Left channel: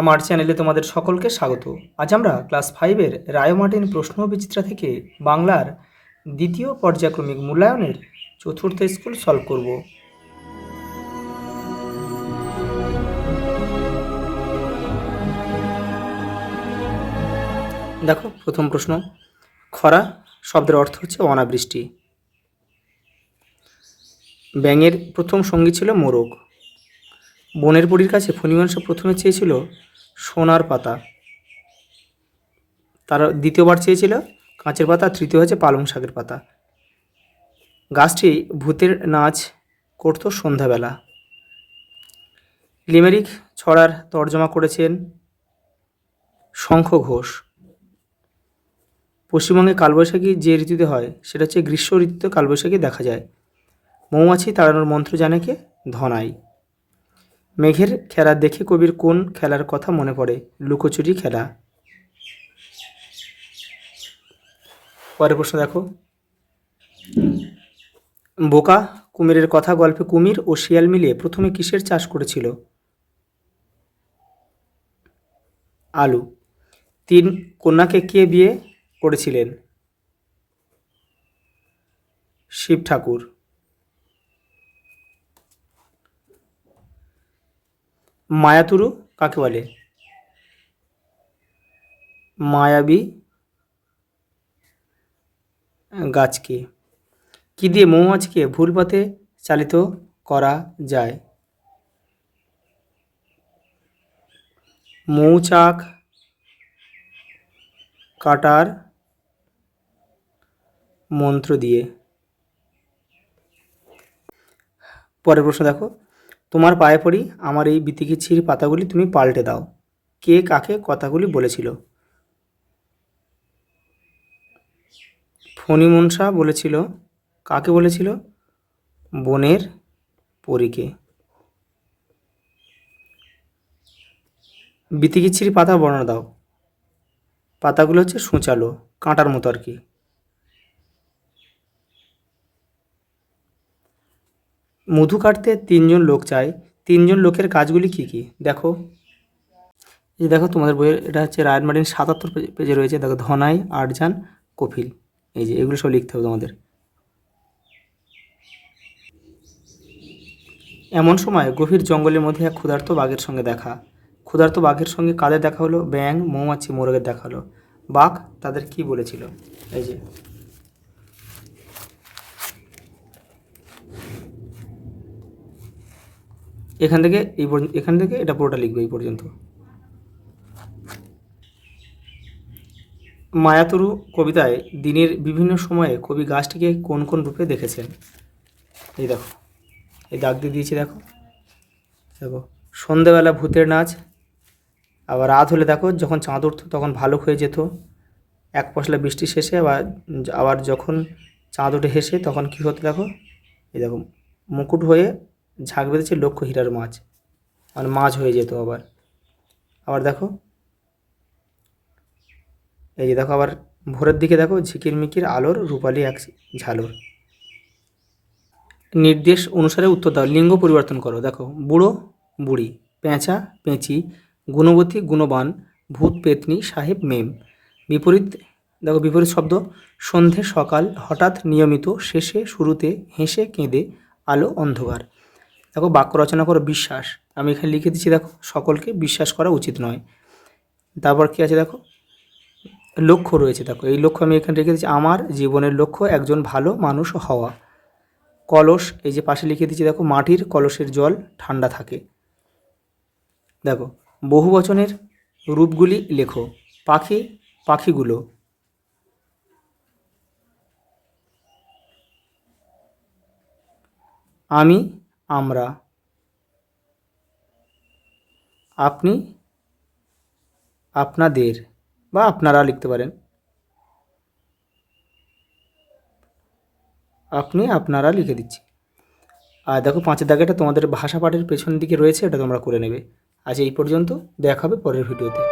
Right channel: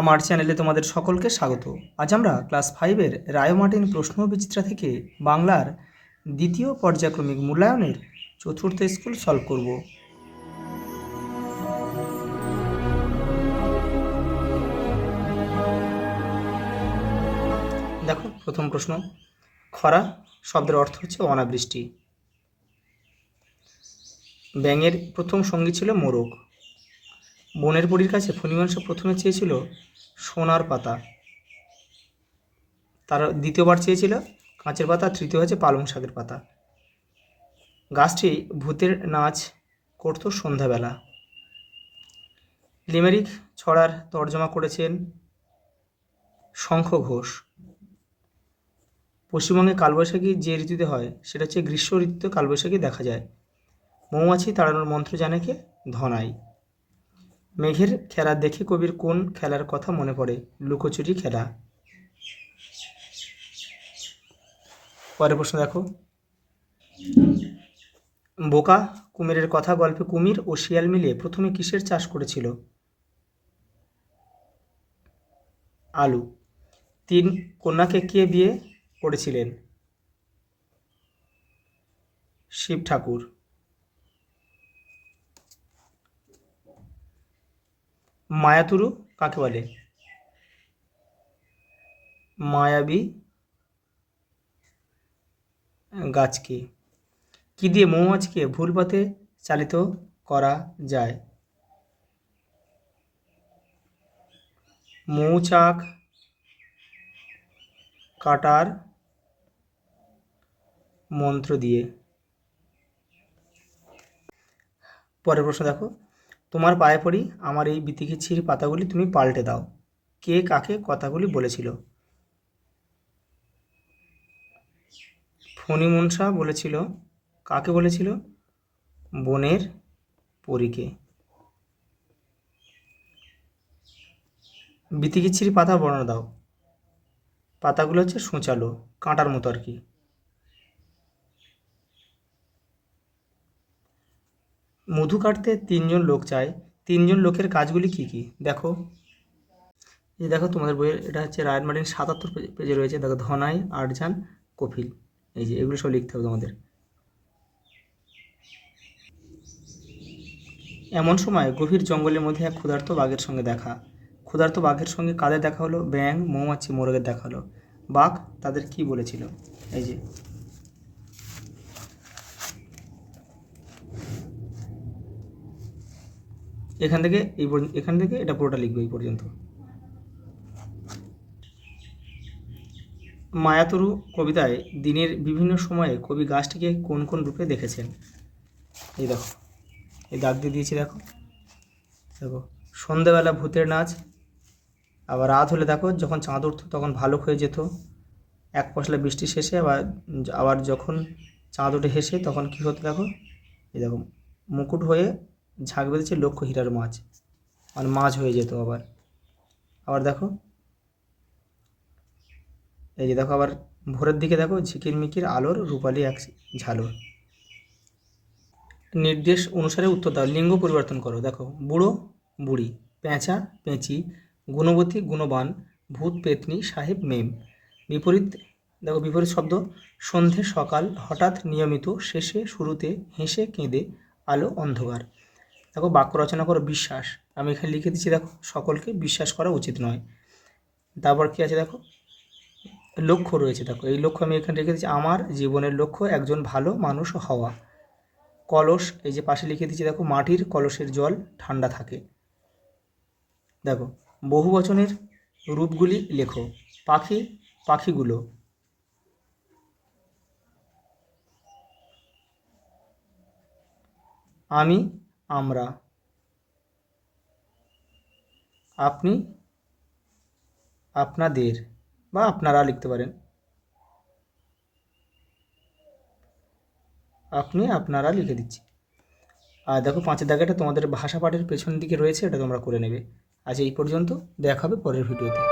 আমার চ্যানেলে তোমাদের সকলকে স্বাগত। আজ আমরা ক্লাস 5-এর রায়োমার্টিন প্রশ্ন বিচিত্রা থেকে বাংলার দ্বিতীয় পর্যায়ক্রমিক মূল্যায়নের চতুর্থ স্কুল সলভ করব। দেখো প্রথম প্রশ্ন, খরা শব্দের অর্থ হচ্ছে অনাবৃষ্টি। ব্যাঙের প্রথম সঙ্গী ছিল মোরগ। বনের বুড়ির কাছে ফণিমাংস প্রথমে চেয়েছিল সোনার পাতা, তার দ্বিতীয়বার চেয়েছিল কাঁচের পাতা, তৃতীয় হচ্ছে পালং শাকের পাতা। গাছটি ভূতের নাচ করত সন্ধ্যাবেলা। লিমেরিক ছড়ার তর্জমা করেছেন শঙ্খ ঘোষ। পশ্চিমবঙ্গে কালবৈশাখী যে ঋতুতে হয় সেটা হচ্ছে গ্রীষ্ম ঋতুতে কালবৈশাখী দেখা যায়। মৌমাছি তাড়ানোর মন্ত্র জানে কে? ধনাই। মেঘের খেলা দেখে কবির কোন খেলার কথা মনে পড়ে? লুকোচুরি খেলা। পরের প্রশ্ন দেখো, বোকা কুমিরের কথা গল্পে কুমির ও শিয়াল মিলিয়ে প্রথমে কিসের চাষ করেছিল? আলু। 3 কন্যাকে কে বিয়ে করেছিলেন? শিব ঠাকুর। মায়াতুরু কাকে বলে? মায়াবী গাছকে। কি দিয়ে মৌমাছিকে ভুল পথে চালিত করা যায়? মৌচাক কাটার মন্ত্র দিয়ে। পরের প্রশ্ন দেখো, তোমার পায়ে পড়ি আমার এই বিতিকিচ্ছির পাতাগুলি তুমি পাল্টে দাও। কে কাকে কথাগুলি বলেছিল? ফণিমনসা বলেছিল। কাকে বলেছিল? বনের পরীকে। বিতিকিচ্ছির পাতা বর্ণনা দাও। পাতাগুলো হচ্ছে সূচালো, কাঁটার মতো আর কি। মধু কাটতে 3 জন লোক চাই, 3 জন লোকের কাজগুলি কি কি? দেখো, এই দেখো তোমাদের বইয়ের এটা হচ্ছে রায়োমার্টিন 77 পেজে রয়েছে। দেখো, ধনাই, আটজান, কপিল, এই যে এগুলো সব লিখতে হবে তোমাদের। এমন সময় গভীর জঙ্গলের মধ্যে এক ক্ষুধার্ত বাঘের সঙ্গে দেখা। ক্ষুধার্ত বাঘের সঙ্গে কাদের দেখা হলো? ব্যাঙ, মৌমাছি, মোরগের দেখা হলো। বাঘ তাদের কি বলেছিল? এই যে এখান থেকে এটা পুরোটা লিখবে এই পর্যন্ত। মায়াতুরু কবিতায় দিনের বিভিন্ন সময়ে কবি গাছটিকে কোন কোন রূপে দেখেছেন? এই দেখো, এই দাগ দিয়ে দিয়েছি। দেখো দেখো, সন্ধেবেলা ভূতের নাচ, আবার রাত হলে দেখো যখন চাঁদ উঠত তখন ভালুক হয়ে যেত, এক পশলা বৃষ্টি শেষে আবার যখন চাঁদ উঠে হেসে তখন কী হতো? দেখো, এই দেখো, মুকুট হয়ে ঝাঁক বেঁধেছে লক্ষ হীরার মাছ, আর মাছ হয়ে যেত। আবার দেখো, এই যে দেখো, আবার ভোরের দিকে দেখো ঝিকিরমিকির আলোর রূপালি এক ঝালর। নির্দেশ অনুসারে উত্তর দাও। লিঙ্গ পরিবর্তন করো। দেখো, বুড়ো বুড়ি, পেঁচা পেঁচি, গুণবতী গুণবান, ভূত পেতনি, সাহেব মেম। বিপরীত দেখো, বিপরীত শব্দ সন্ধে সকাল, হঠাৎ নিয়মিত, শেষে শুরুতে, হেসে কেঁদে, আলো অন্ধকার। দেখো, বাক্য রচনা করো। বিশ্বাস, আমি এখানে লিখে দিচ্ছি। দেখো, সকলকে বিশ্বাস করা উচিত নয়। তারপর কি আছে? দেখো, লক্ষ্য রয়েছে। দেখো, এই লক্ষ্য আমি এখানে রেখে দিচ্ছি, আমার জীবনের লক্ষ্য একজন ভালো মানুষ হওয়া। কলস, এই যে পাশে লিখে দিচ্ছি। দেখো, মাটির কলসের জল ঠান্ডা থাকে। দেখো, বহু বচনের রূপগুলি লেখো। পাখি, পাখিগুলো। আমি, আমরা। আপনি, আপনাদের, বা আপনারা লিখতে পারেন। আপনি, আপনারা লিখে দিচ্ছি। আর দেখো, 5 দাগেটা তোমাদের ভাষা পাঠের পেছন দিকে রয়েছে, এটা তোমরা করে নেবে। আজ এই পর্যন্ত, দেখা হবে পরের ভিডিওতে।